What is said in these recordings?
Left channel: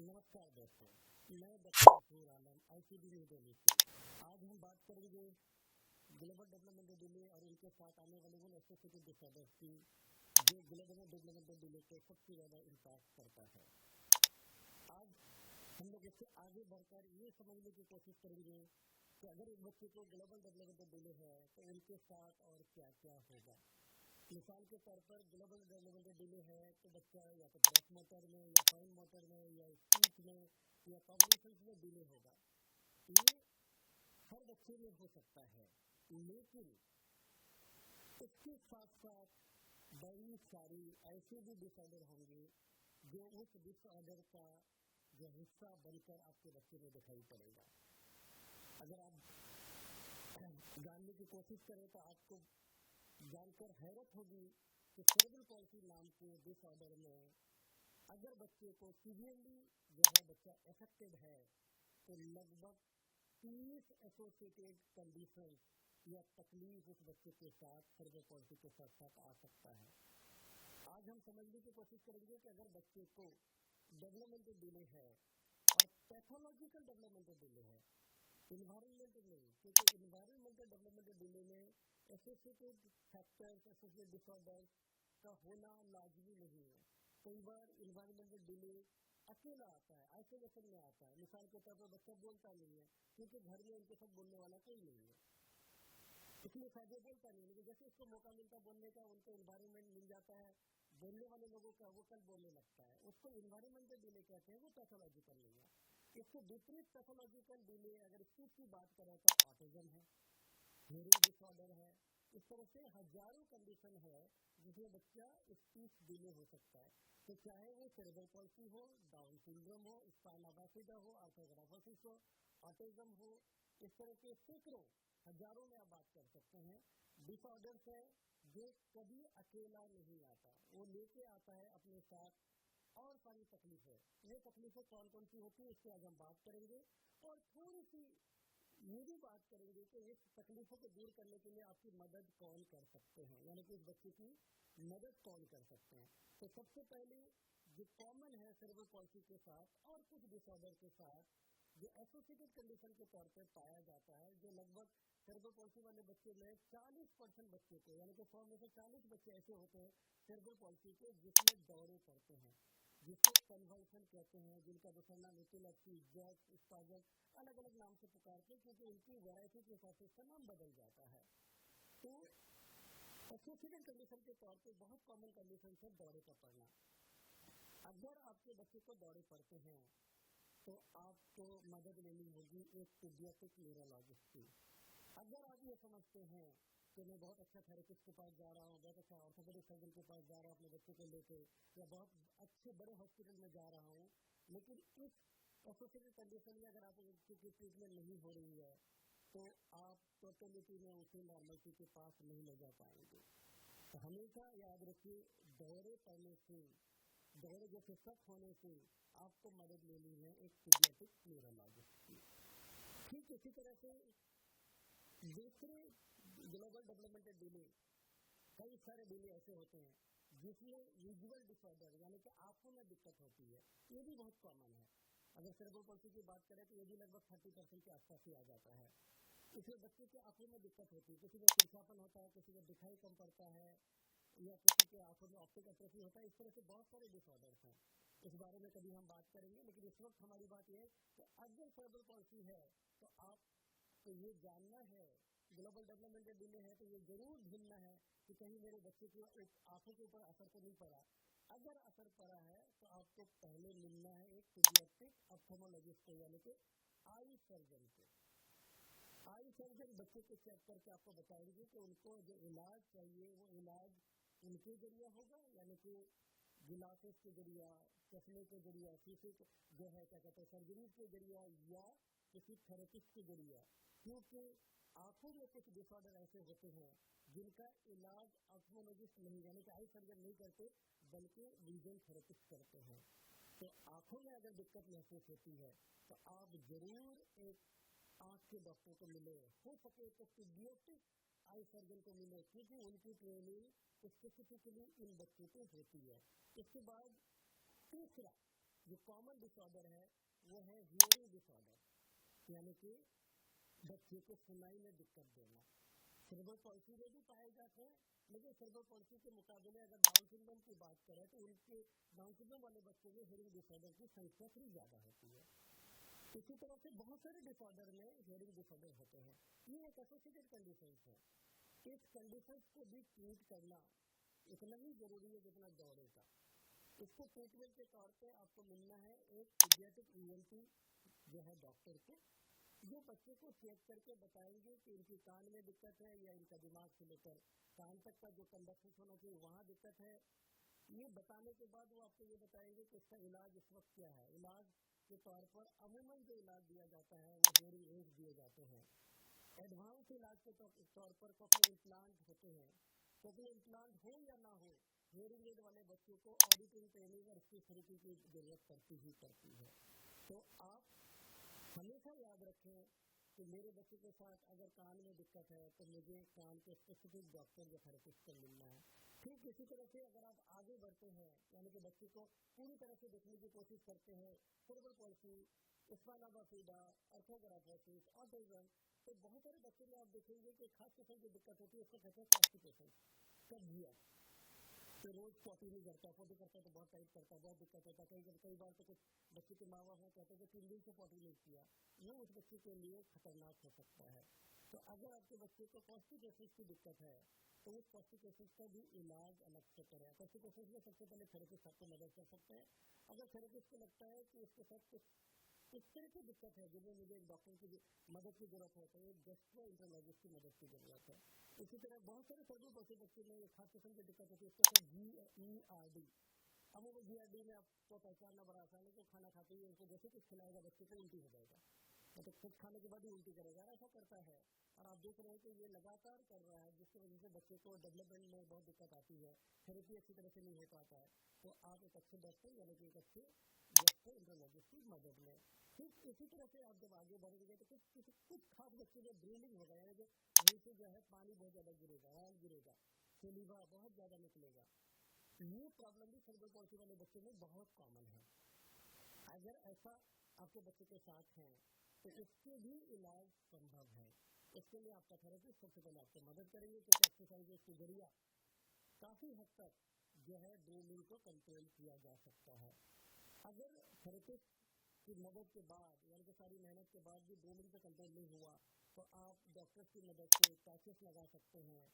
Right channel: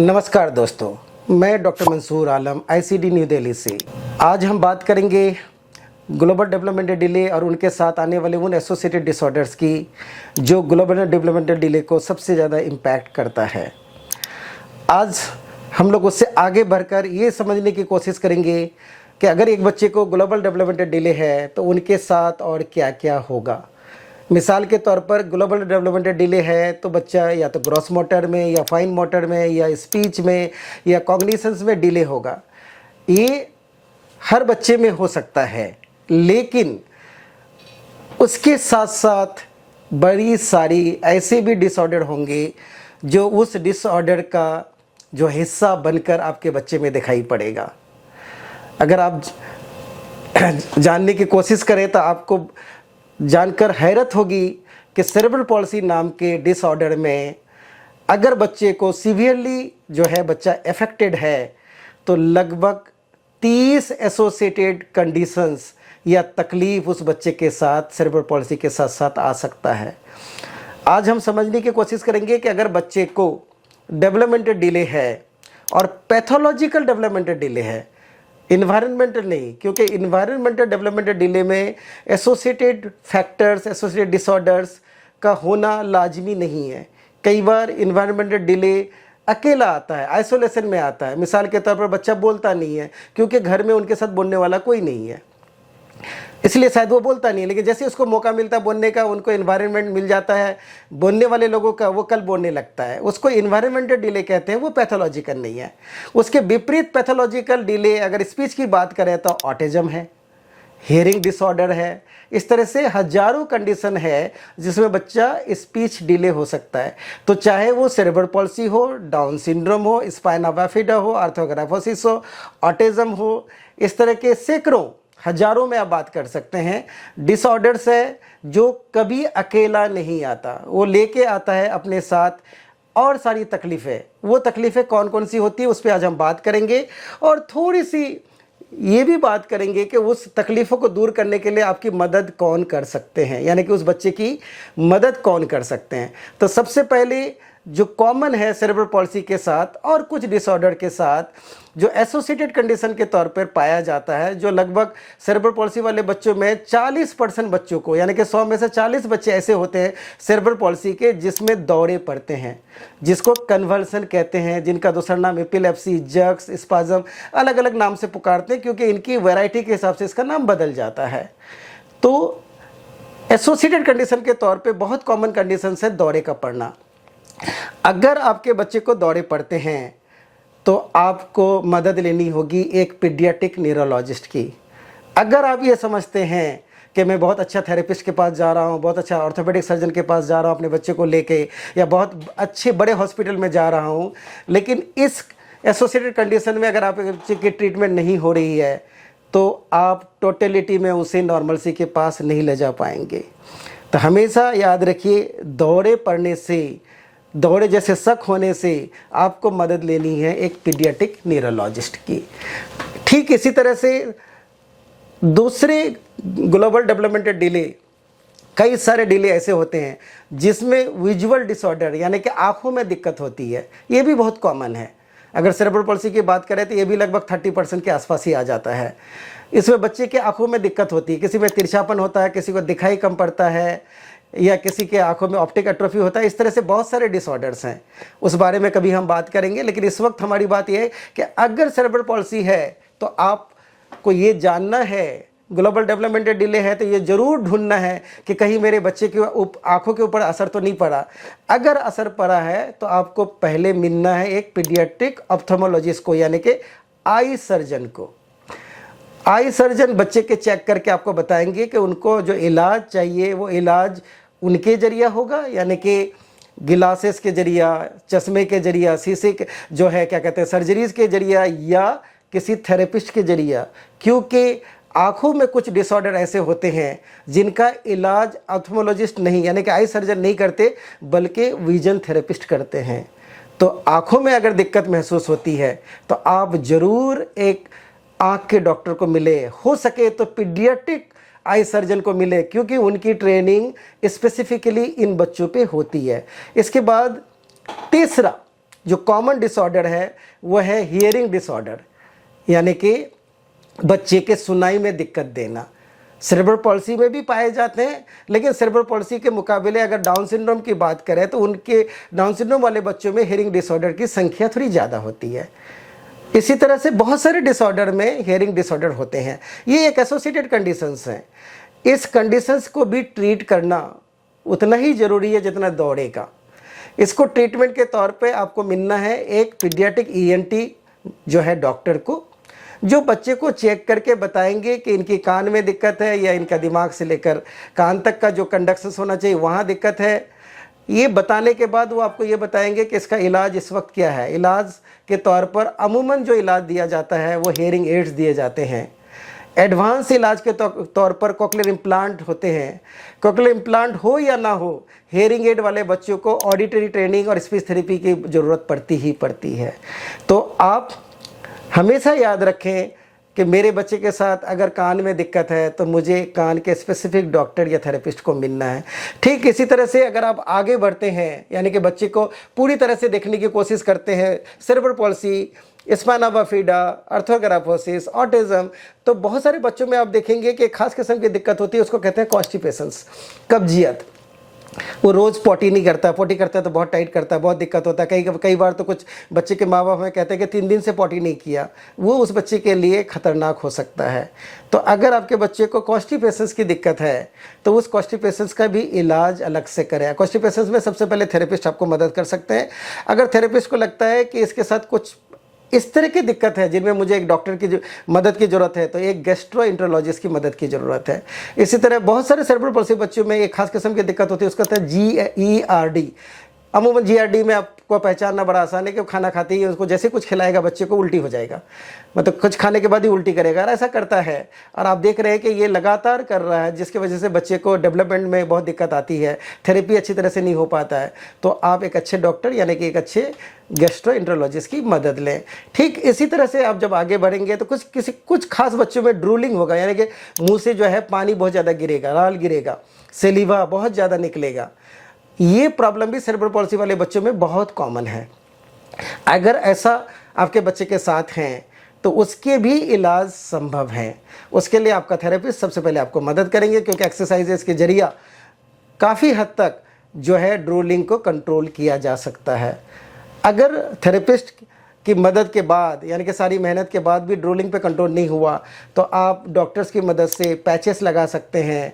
नमस्कार दोस्तों, मैं doctor Mansoor Alam ICD new Delhi से। आज हम बात करेंगे ग्लोबल डेवलपमेंटल डिले और उनके साथ आने वाले उन एसोसिएटेड डिसऑर्डर्स की जो ग्लोबल डेवलपमेंटल डिले को सबसे ज़्यादा इम्पैक्ट करता है। आज हम लोग उससे आगे बढ़कर ये समझने की कोशिश करेंगे कि अगर एक बच्चे को ग्लोबल डेवलपमेंटल डिले है तो उनके साथ और क्या क्या होगा। मिसाल के तौर पर ग्लोबल डेवलपमेंटल डिले है तो बच्चा या तो ग्रॉस मोटर में या फाइन मोटर में या स्पीच में या कॉग्निशंस में डिले होगा। ये हर बच्चे में हो सकता है, लेकिन उसके साथ साथ बड़ी सारी ऐसे भी डिसऑर्डर होंगे जो उस डिसऑर्डर का जो हिस्सा बनकर आपके बच्चे में दिखाई पड़ेगा। अगर आप जानने की कोशिश करें तो आपको जानकर हैरत होगी कि सेरेब्रल पॉल्सी नाम के डिसऑर्डर में अगर बच्चे को सीवियरली जो है बच्चा अफेक्टेड है तो लगभग 30 एसोसिएटेड कंडीशंस या तकलीफ उस बच्चे के साथ सेरेब्रल पॉल्सी के साथ साथ आ सकता है। आज हम समझने की कोशिश करेंगे कि अगर बच्चे को डेवलपमेंटल डिले है और पैथोलॉजिकल डेवलपमेंटल डिले है, इन्वायरमेंटल नहीं, क्योंकि इन्वायरमेंटल डेवलपमेंटल डिले में एसोसिएटेड फैक्टर्स एसोसिएटेड डिसऑर्डर्स का होना लाजमी नहीं है। कई बार इन्वायरमेंटल डिले अकेला आता है, आइसोलेशन में आता है। मिसाल के तौर पर बच्चा बोलता नहीं है क्योंकि घर में उनके साथ बोलने वाला कोई नहीं है, इसलिए शायद वो बोलता नहीं है, लेकिन जैसे उसको मौका मिलता है बोलने का, उनको इन्वायरमेंट मिल जाता है बोलने वाले लोगों का, वो कल बोलने लगता है। उसको इन्वायरमेंटल डिले कहते हैं, वो पैथोलॉजिकल नहीं है। उसके विपरीत पैथोलॉजिकल डिले अगर स्पीच की बात करें तो ऑटिज्म है, हियरिंग डिसऑर्डर है। इस तरह से हजारों कंडीशन है जिसमें बच्चा स्पीच डिले हो सकता है। तो चाहे वो सेरेब्रल पॉल्सी हो, डाउन सिंड्रोम हो, स्पाइना बाइफिडा हो, आर्थोग्राफोसिस हो, ऑटिज्म हो, इस तरह के सैकड़ों हजारों में आप बात कर सकते हैं डिसऑर्डर्स है जो कभी अकेला नहीं आता, वो लेके आता है अपने साथ और सारी तकलीफ़ें। वो तकलीफ़ें कौन कौन सी होती है उस पर आज हम बात करेंगे, और थोड़ी सी ये भी बात करेंगे कि उस तकलीफ़ों को दूर करने के लिए आपकी मदद कौन कर सकते हैं, यानी कि उस बच्चे की मदद कौन कर सकते हैं। तो सबसे पहले जो कॉमन है सेरेब्रल पॉल्सी के साथ और कुछ डिसऑर्डर के साथ जो एसोसिएटेड कंडीशन के तौर पर पाया जाता है, जो लगभग सेरेब्रल पॉल्सी वाले बच्चों में 40% बच्चों को, यानी कि 100 में से 40 बच्चे ऐसे होते हैं सेरेब्रल पॉल्सी के जिसमें दौरे पड़ते हैं, जिसको कन्वर्सन कहते हैं, जिनका दूसरा नाम एपिलेप्सी, जक्स, स्पाज्म, अलग अलग नाम से पुकारते हैं क्योंकि इनकी वैरायटी के हिसाब से इसका नाम बदल जाता है। तो एसोसिएटेड कंडीशन के तौर पर बहुत कॉमन कंडीशन है दौरे का पड़ना। अगर आपके बच्चे को दौरे पड़ते हैं तो आपको मदद लेनी होगी एक पीडियाट्रिक न्यूरोलॉजिस्ट की। अगर आप ये समझते हैं कि मैं बहुत अच्छा थेरेपिस्ट के पास जा रहा हूँ, बहुत अच्छा ऑर्थोपेडिक सर्जन के पास जा रहा हूँ अपने बच्चे को लेके, या बहुत अच्छे बड़े हॉस्पिटल में जा रहा हूँ, लेकिन इस एसोसिएटेड कंडीशन में अगर आपके बच्चे की ट्रीटमेंट नहीं हो रही है तो आप टोटलिटी में उसे नॉर्मलसी के पास नहीं ले जा पाएंगे। तो हमेशा याद रखिए, दौरे पड़ने से, दौरे जैसे शक होने से आपको मदद लेनी है एक पीडियाट्रिक न्यूरोलॉजिस्ट की। ठीक इसी तरह से दूसरे ग्लोबल डेवलपमेंटल डिले, कई सारे डिले ऐसे होते हैं जिसमें विजुअल डिसऑर्डर यानी कि आंखों में दिक्कत होती है, ये भी बहुत कॉमन है। अगर सेरेब्रल पॉल्सी की बात करें तो ये भी लगभग 30% के आसपास ही आ जाता है। इसमें बच्चे के आंखों में दिक्कत होती है, किसी में तिरछापन होता है, किसी को दिखाई कम पड़ता है, या किसी के आंखों में ऑप्टिक एट्रोफी होता है। इस तरह से बहुत सारे डिसऑर्डर्स हैं, उस बारे में कभी हम बात करेंगे। लेकिन इस वक्त हमारी बात यह है कि अगर सेरेब्रल पॉल्सी है तो आपको ये जानना है, ग्लोबल डेवलपमेंटल डिले है तो ये जरूर ढूंढना है कि कहीं मेरे बच्चे की आंखों के ऊपर असर तो नहीं पड़ा। अगर असर पड़ा है तो आपको पहले मिलना है एक पीडियाट्रिक ऑप्थेल्मोलॉजिस्ट को, यानी कि आई सर्जन को। आई सर्जन बच्चे के चेक करके आपको बताएंगे कि उनको जो इलाज चाहिए वो इलाज उनके जरिया होगा, यानी कि गिलासेस के जरिया, चश्मे के जरिया, शीशे के जो है क्या कहते हैं सर्जरीज के जरिया, या किसी थेरेपिस्ट के जरिया। क्योंकि आँखों में कुछ डिसऑर्डर ऐसे होते हैं जिनका इलाज ऑप्थेल्मोलॉजिस्ट नहीं, यानी कि आई सर्जन नहीं करते, बल्कि विजन थेरेपिस्ट करते हैं। तो आँखों में अगर दिक्कत महसूस होती है तो आप ज़रूर एक आँख के डॉक्टर को मिले, हो सके तो पीडियाट्रिक आई सर्जन को मिले, क्योंकि उनकी ट्रेनिंग स्पेसिफिकली इन बच्चों पे होती है। इसके बाद तीसरा जो कॉमन डिसऑर्डर है वो है हियरिंग डिसऑर्डर, यानी कि बच्चे के सुनाई में दिक्कत देना। सेरेब्रल पॉल्सी में भी पाए जाते हैं, लेकिन सेरेब्रल पॉल्सी के मुकाबले अगर डाउन सिंड्रोम की बात करें तो उनके डाउन सिंड्रोम वाले बच्चों में हियरिंग डिसऑर्डर की संख्या थोड़ी ज़्यादा होती है। इसी तरह से बहुत सारे डिसऑर्डर में हियरिंग डिसऑर्डर होते हैं। ये एक एसोसिएटेड कंडीशंस हैं। इस कंडीशंस को भी ट्रीट करना उतना ही ज़रूरी है जितना दौड़े का। इसको ट्रीटमेंट के तौर पे आपको मिलना है एक पीडियाट्रिक ईएनटी जो है डॉक्टर को, जो बच्चे को चेक करके बताएंगे कि इनकी कान में दिक्कत है या इनका दिमाग से लेकर कान तक का जो कंडक्शंस होना चाहिए वहाँ दिक्कत है। ये बताने के बाद वो आपको ये बताएंगे कि इसका इलाज इस वक्त क्या है। इलाज के तौर पर अमूमन जो इलाज दिया जाता है वो हेयरिंग एड्स दिए जाते हैं। एडवांस इलाज के तौर पर कोक्लियर इम्प्लांट होते हैं। कोक्लियर इम्प्लांट हो या ना हो, हेयरिंग एड वाले बच्चों को ऑडिटरी ट्रेनिंग और स्पीच थेरेपी की ज़रूरत पड़ती ही पड़ती है। तो आप हमेशा याद रखें कि मेरे बच्चे के साथ अगर कान में दिक्कत है तो मुझे कान के स्पेसिफिक डॉक्टर या थेरेपिस्ट को मिलना है। ठीक इसी तरह से अगर आप आगे बढ़ते हैं, यानी कि बच्चे को पूरी तरह से देखने की कोशिश करते हैं, सेरेब्रल पॉल्सी, स्पाइना बाफिडा, ऑर्थोग्राफोसिस, ऑटिज्म, तो बहुत सारे बच्चों में आप देखेंगे कि खास किस्म की दिक्कत होती है, उसको कहते हैं कॉन्स्टिपेशंस, कब्जियत। वो रोज़ पॉटी नहीं करता, पॉटी करता है तो बहुत टाइट करता है, बहुत दिक्कत होता है। कई बार तो कुछ बच्चे के माँ बाप हमें कहते हैं कि 3 दिन से पॉटी नहीं किया, वो उस बच्चे के लिए ख़तरनाक हो सकता है। तो अगर आपके बच्चे को कॉन्स्टिपेशंस की दिक्कत है तो उस कॉन्स्टिपेशंस का भी इलाज अलग से करें। कॉन्स्टिपेशंस में सबसे पहले थेरेपिस्ट आपको मदद कर सकते हैं। अगर थेरेपिस्ट को लगता है कि इसके साथ कुछ इस तरह की दिक्कत है जिनमें मुझे एक डॉक्टर की मदद की ज़रूरत है, तो एक गैस्ट्रोएंटरोलॉजिस्ट की मदद की ज़रूरत है। इसी तरह बहुत सारे सेरेब्रल पॉल्सी बच्चों में एक खास किस्म की दिक्कत होती है, उसका कहते हैं GERD। अमूमन GERD में आपको पहचानना बड़ा आसान है कि वो खाना खाते ही उसको जैसे कुछ खिलाएगा बच्चे को उल्टी हो जाएगा, मतलब कुछ खाने के बाद ही उल्टी करेगा, और ऐसा करता है। और आप देख रहे हैं कि ये लगातार कर रहा है, जिसकी वजह से बच्चे को डेवलपमेंट में बहुत दिक्कत आती है, थेरेपी अच्छी तरह से नहीं हो पाता है। तो आप एक अच्छे डॉक्टर यानी कि एक अच्छे गैस्ट्रोएंटरोलॉजिस्ट की मदद लें। ठीक इसी तरह से आप जब आगे बढ़ेंगे तो कुछ खास बच्चों में ड्रूलिंग होगा, यानी कि मुंह से जो है पानी बहुत ज़्यादा गिरेगा, लाल गिरेगा, सेलिवा बहुत ज़्यादा निकलेगा। ये प्रॉब्लम भी सेरेब्रल पॉल्सी वाले बच्चों में बहुत कॉमन है। अगर ऐसा आपके बच्चे के साथ हैं तो उसके भी इलाज संभव हैं। उसके लिए आपका थेरेपिस्ट सबसे पहले आपको मदद करेंगे, क्योंकि एक्सरसाइजेस के जरिए काफ़ी हद तक जो है ड्रूलिंग को कंट्रोल किया जा सकता है। अगर थेरेपिस्ट की मदद के बाद, यानी कि सारी मेहनत के बाद भी ड्रूलिंग पे कंट्रोल नहीं हुआ, तो आप डॉक्टर्स की मदद से पैचेस लगा सकते हैं।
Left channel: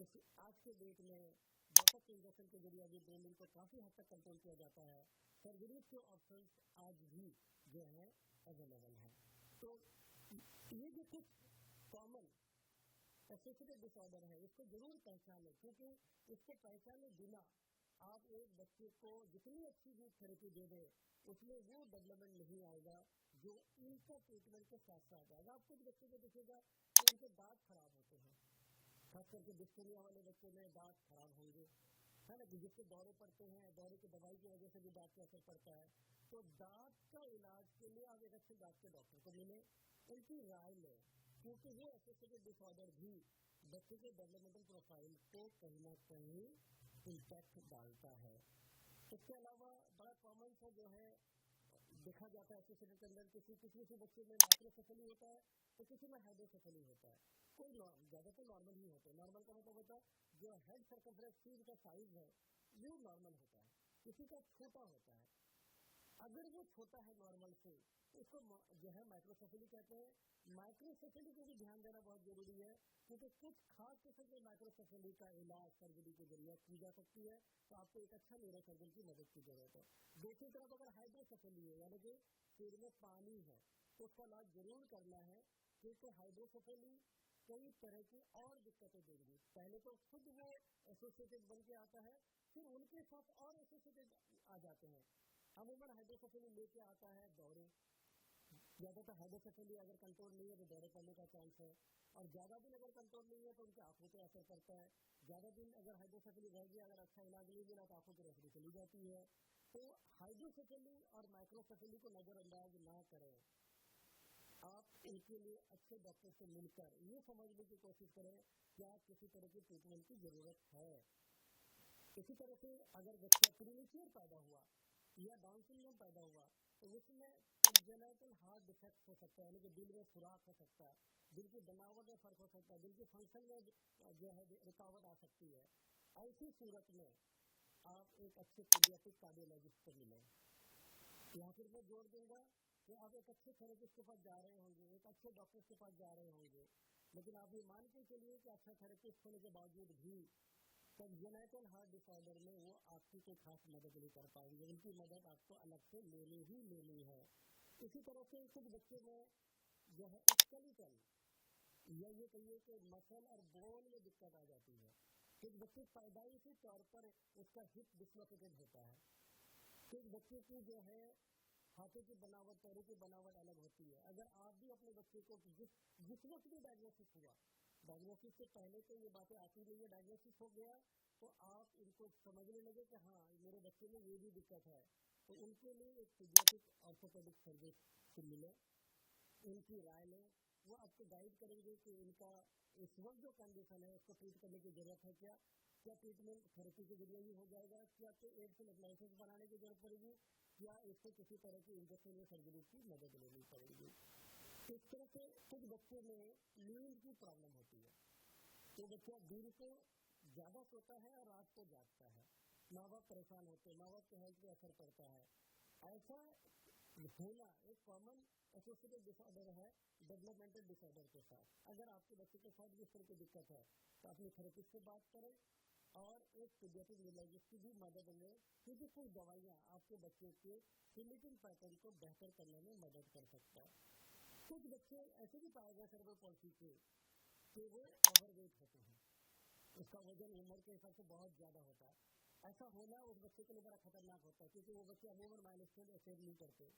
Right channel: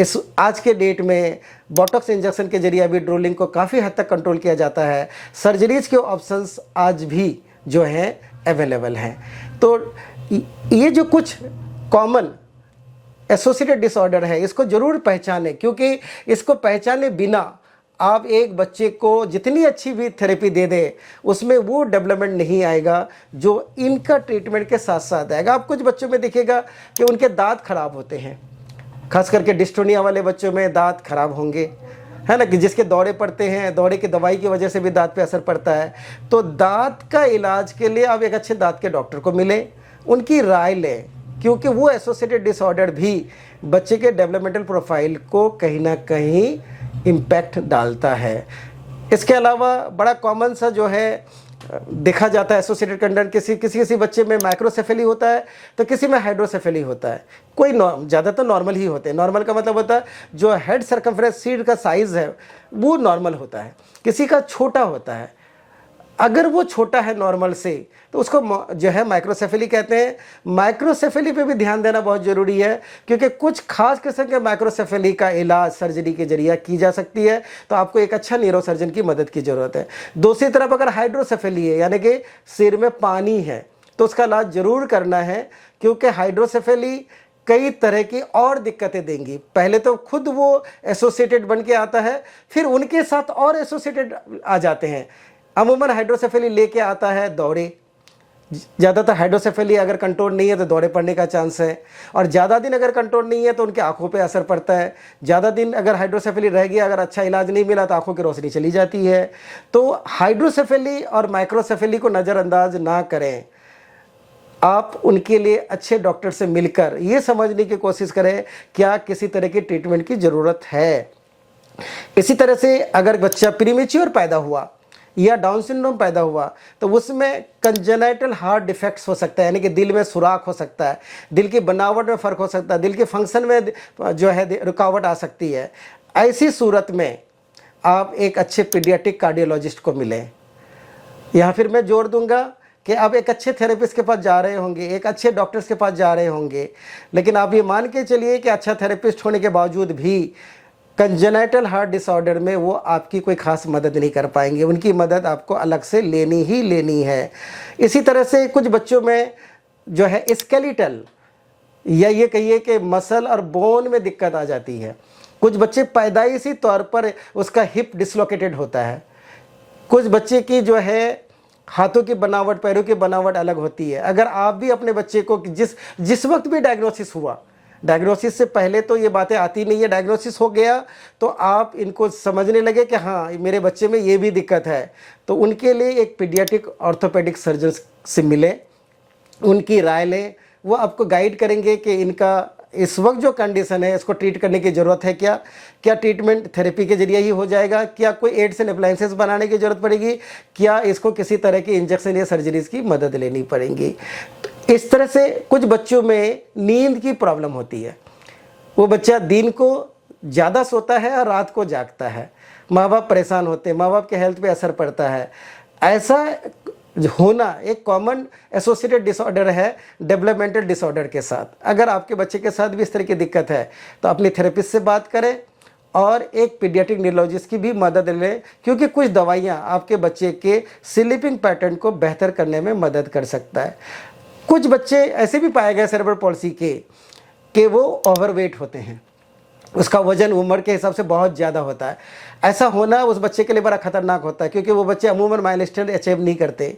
इस आज के डेट में बोटॉक्स इंजेक्शन के जरिए भी ड्रूलिंग को काफ़ी हद तक कंट्रोल किया जाता है। सर्जरीज के ऑप्शंस आज भी जो हैं अवेलेबल हैं। तो ये जो कुछ कॉमन एसोसिएटेड डिसऑर्डर है, इसको ज़रूर पहचानें, क्योंकि इसको पहचाने बिना आप एक बच्चे को जितनी अच्छी भी थेरेपी दे दें उसमें वो डेवलपमेंट नहीं आएगा जो इनका ट्रीटमेंट के साथ साथ आएगा। आप कुछ बच्चों में देखिएगा कि उनके दांत खराब होते हैं, खास करके डिस्टोनिया वाले बच्चों में दांत खराब होंगे, है ना, कि जिसके दौरे पड़ते हैं, दौरे की दवाई की वजह से भी दांत पे असर पड़ता है। तो दांत का इलाज के लिए आप एक अच्छे दांत के डॉक्टर को मिलें, उनकी राय लें, क्योंकि वो एसोसिएटेड डिसऑर्डर भी बच्चे के डेवलपमेंटल प्रोफाइल को कहीं ना कहीं इम्पैक्ट डालता है। इसके अलावा बड़ा कॉमन सा जो है देखा जाता है एसोसिएटेड कंडीशन, किसी बच्चे में माइक्रोसेफेली होता है तो किसी में हाइड्रोसेफेली होता है। कोई ज़्यादातर नॉर्मल ही होते हैं। नॉर्मल का मतलब होता है जो हेड सर्कमफ्रेंस सीट का साइज़ है वो नॉर्मल होता है, किसी का छोटा होता है। अगर वो छोटा है नॉर्मल से तो उसको जो है माइक्रोसेफेली कहते हैं। माइक्रोसेफेली पे भी ध्यान देना बहुत ज़रूरी है, क्योंकि कुछ खास किस्म के माइक्रोसेफेली का इलाज सर्जरी के जरिए की जा सकती है। तो आपको एक अच्छा न्यूरोसर्जन की मदद की ज़रूरत है। दूसरी तरफ अगर हाइड्रोसेफेली है, यानी कि सिर में पानी है, तो उसका इलाज ज़रूर करना है, क्योंकि हाइड्रोसेफेली कई तरह की और दिक्कतें देंगी। पहले तो खुद वो एसोसिएटेड बन के आता है, फिर उनके साथ और एसोसिएटेड आ जाते हैं। अमूमन हाइड्रोसेफेली लेके आता है दौरे। ज़्यादातर हाइड्रोसेफेली अगर कंट्रोल नहीं है तो दौरे पड़ने का चांस है, और ज़्यादा दिन अगर कंट्रोल नहीं है तो उनकी आंखों पे असर पड़ता है। ज़्यादा दिन अगर हाइड्रोसेफेली रह गया, अगर अच्छा इलाज नहीं मिला तो आंखों की रोशनी चली जाती है। तो हाइड्रोसेफेली और माइक्रोसेफेली को नज़रअंदाज ना करें। आप उनके लिए अच्छे डॉक्टर से मिलकर ये समझने की कोशिश करें क्या किसी तरह की ट्रीटमेंट की ज़रूरत है। इसी तरह से अगर बच्चा प्रीमेच्योर पैदा हुआ, या डाउन सिंड्रोम पैदा हुआ तो उसमें कंजेनाइटल हार्ट डिफेक्ट्स हो सकता है, यानी कि दिल में सुराख हो सकता है, दिल की बनावट में फ़र्क हो सकता है, दिल के फंक्शन में जो है रुकावट आ सकती है। ऐसी सूरत में आप एक अच्छे पीडियाट्रिक कार्डियोलॉजिस्ट को मिलें। यहाँ फिर मैं जोर दूंगा कि आप एक अच्छे थेरेपिस्ट के पास जा रहे होंगे, एक अच्छे डॉक्टर्स के पास जा रहे होंगे, लेकिन आप ये मान के चलिए कि अच्छा थेरेपिस्ट होने के बावजूद भी कंजेनाइटल हार्ट डिसऑर्डर में वो आपकी कोई खास मदद नहीं कर पाएंगे, उनकी मदद आपको अलग से लेनी ही लेनी है। इसी तरह से कुछ बच्चों में जो है स्केलेटल या ये कहिए कि मसल और बोन में दिक्कत आ जाती है। कुछ बच्चे पैदाइशी तौर पर उसका हिप डिसलोकेटेड होता है, कुछ बच्चे की जो है हाथों की बनावट, पैरों की बनावट अलग होती है। अगर आप भी अपने बच्चे को जिस वक्त भी डायग्नोसिस हुआ, डायग्नोसिस से पहले तो ये बातें आती नहीं है, डायग्नोसिस हो गया तो आप इनको समझने लगे कि हाँ मेरे बच्चे में ये भी दिक्कत है, तो उनके लिए एक पीडियाट्रिक ऑर्थोपेडिक सर्जन से मिले, उनकी राय लें। वो आपको गाइड करेंगे कि इनका इस वक्त जो कंडीशन है इसको ट्रीट करने की ज़रूरत है क्या, क्या ट्रीटमेंट थेरेपी के जरिए ही हो जाएगा, क्या कोई एड्स एंड अप्लायंसेस बनाने की ज़रूरत पड़ेगी, क्या इसको किसी तरह की इंजेक्शन या सर्जरीज की मदद लेनी पड़ेगी। इस तरह से कुछ बच्चों में नींद की प्रॉब्लम होती है, वो बच्चा दिन को ज़्यादा सोता है और रात को जागता है, माँ बाप परेशान होते हैं, माँ बाप के हेल्थ पे असर पड़ता है। ऐसा होना एक कॉमन एसोसिएटेड डिसऑर्डर है डेवलपमेंटल डिसऑर्डर के साथ। अगर आपके बच्चे के साथ भी इस तरह की दिक्कत है तो अपने थेरेपिस्ट से बात करें और एक पीडियाट्रिक न्यूरोलॉजिस्ट की भी मदद लें, क्योंकि कुछ दवाइयाँ आपके बच्चे के स्लीपिंग पैटर्न को बेहतर करने में मदद कर सकता है। कुछ बच्चे ऐसे भी पाए गए सेरेब्रल पॉल्सी के कि वो ओवरवेट होते हैं, उसका वजन उम्र के हिसाब से बहुत ज़्यादा होता है। ऐसा होना उस बच्चे के लिए बड़ा खतरनाक होता है, क्योंकि वो बच्चे अमूमन माइलस्टोन अचीव नहीं करते,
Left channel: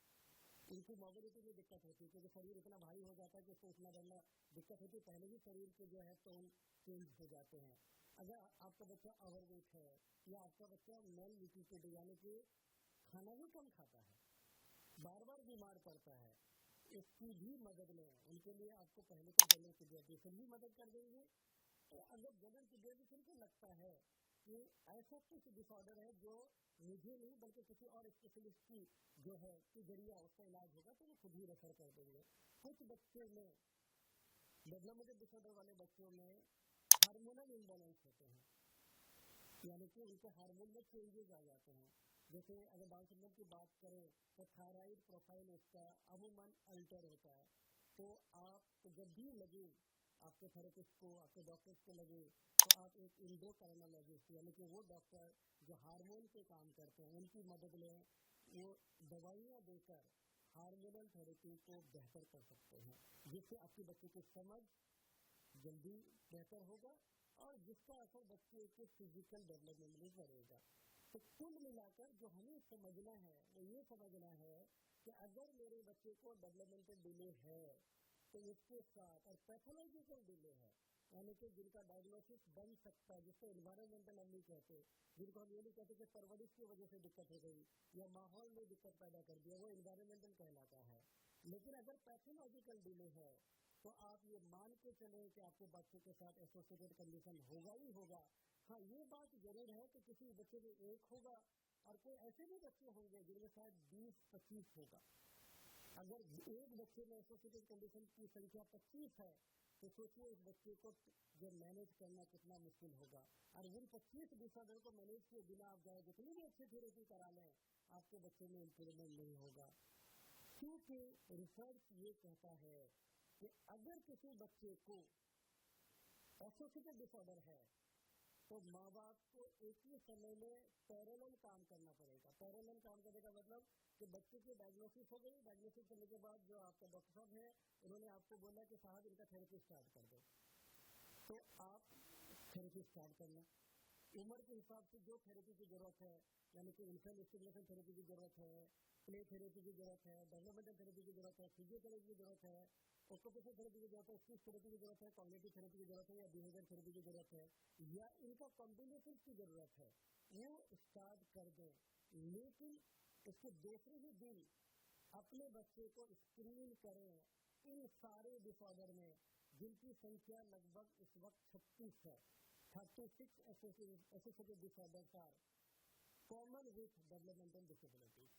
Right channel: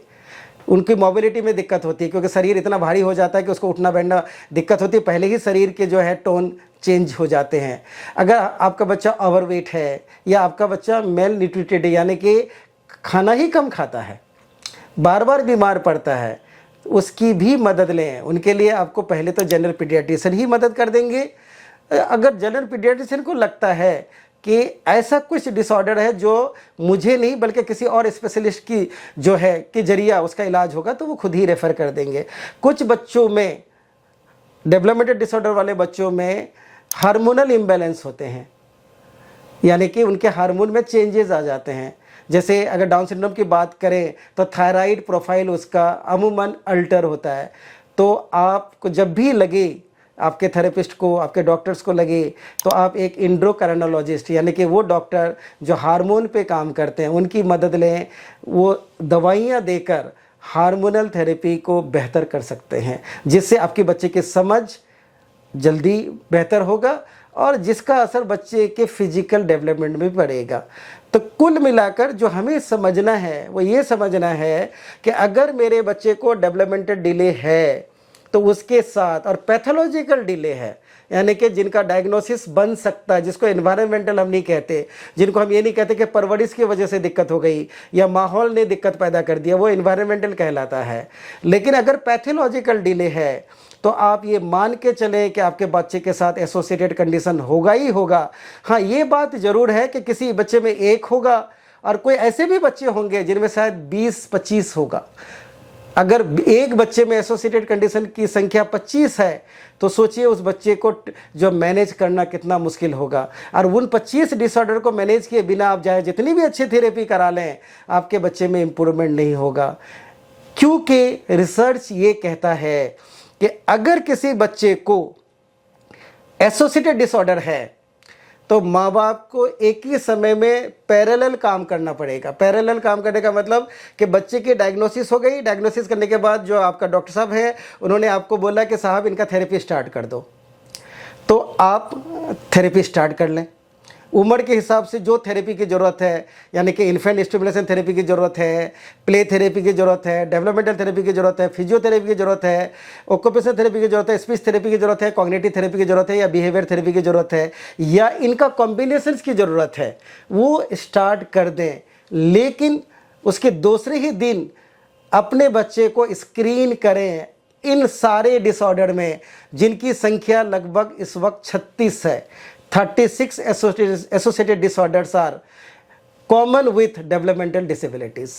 उनकी मोबिलिटी में दिक्कत होती है, क्योंकि शरीर इतना भारी हो जाता है कि उसको उठना बैठना दिक्कत होती है, पहले ही शरीर के जो है टोन चेंज हो जाते हैं। अगर आपका बच्चा ओवरवेट है या आपका बच्चा मेल न्यूट्रिटेड है, यानी कि खाना ही कम खाता है, बार बार बीमार पड़ता है, उसकी भी मदद लें। उनके लिए आपको पहले तो जनरल पीडियाट्रिशियन ही मदद कर देंगे। अगर जनरल पीडियाट्रिशियन को लगता है कि ऐसा कुछ डिसऑर्डर है जो मुझे नहीं बल्कि किसी और स्पेशलिस्ट की जो है कि जरिया उसका इलाज होगा, तो वो खुद ही रेफ़र कर देंगे। कुछ बच्चों में डेवलपमेंटल डिसऑर्डर वाले बच्चों में हार्मोनल इम्बैलेंस होते हैं, यानी कि उनके हार्मोन में चेंजेस आ जाते हैं। जैसे अगर डाउन सिंड्रोम की बात करें तो थायराइड प्रोफाइल उसका अमूमन अल्टर होता है। तो आपको जब भी लगे, आपके थेरेपिस्ट को, आपके डॉक्टर्स को लगे, तो आप एक एंडोक्राइनोलॉजिस्ट यानी कि वो डॉक्टर जो हार्मोन पे काम करते हैं उनकी मदद लें। वो दवाइयाँ देकर हार्मोनल थेरेपी को बेहतर कर सकते हैं, जिससे आपके बच्चे की समझ जल्दी बेहतर होगा और जिसका असर बच्चे के फिजिकल डेवलपमेंट में पड़ेगा। तो कुल मिलाकर जो हमें समझना है वो ये समझना है कि अगर मेरे बच्चे को डेवलपमेंटल डिले है तो उसके साथ, और पैथोलॉजिकल डिले है यानी कि जिनका डायग्नोसिस बन सकता है, जिसको एनवायरमेंटल हम नहीं कहते, जिनको हम ये नहीं कहते कि परवरिश की वजह से दिक्कत हो गई या माहौल ने दिक्कत पैदा कर दिया, वो एनवायरमेंटल कहलाता है। लेकिन अगर पैथोलॉजिकल डिले है तो आप ये मान के चलें कि आपके बच्चे के साथ एसोसिएटेड कंडीशन होगा ही होगा। हाँ, ये बात ज़रूर है कि किसी बच्चे में एक होगा और कोई ऐसे भी बच्चे होंगे जिनमें शायद 20-25 होगा। अगर एक बच्चे में एसोसिएटेड कंडीशन की संख्या 25 है तो सोचिए उस बच्चे को जो मैनेज करना कितना मुश्किल होगा। और उन 25 डिसऑर्डर को मैनेज किए बिना आप चाहे जितनी भी अच्छी थेरेपी करा लें, आपके बच्चे में इम्प्रूवमेंट नहीं होगा। क्योंकि रिसर्च ये कहता है कि अगर किसी बच्चे को एसोसिएटेड डिसऑर्डर है तो माँ बाप को एक ही समय में पैरेलल काम करना पड़ेगा। पैरेलल काम करने का मतलब कि बच्चे की डायग्नोसिस हो गई, डायग्नोसिस करने के बाद जो आपका डॉक्टर साहब है उन्होंने आपको बोला कि साहब इनका थेरेपी स्टार्ट कर दो, तो आप थेरेपी स्टार्ट कर लें। उम्र के हिसाब से जो थेरेपी की ज़रूरत है, यानी कि इन्फेंट स्टिमुलेशन थेरेपी की ज़रूरत है, प्ले थेरेपी की ज़रूरत है, डेवलपमेंटल थेरेपी की ज़रूरत है, फिजियोथेरेपी की ज़रूरत है, ऑक्यूपेशनल थेरेपी की ज़रूरत है, स्पीच थेरेपी की ज़रूरत है, कॉग्निटिव थेरेपी की ज़रूरत है या बिहेवियर थेरेपी की ज़रूरत है, या इनका कॉम्बिनेशंस की ज़रूरत है, वो स्टार्ट कर दें। लेकिन उसके दूसरे ही दिन अपने बच्चे को स्क्रीन करें इन सारे डिसऑर्डर में, जिनकी संख्या लगभग इस वक्त 36 है। 36 associated disorders are common with developmental disabilities.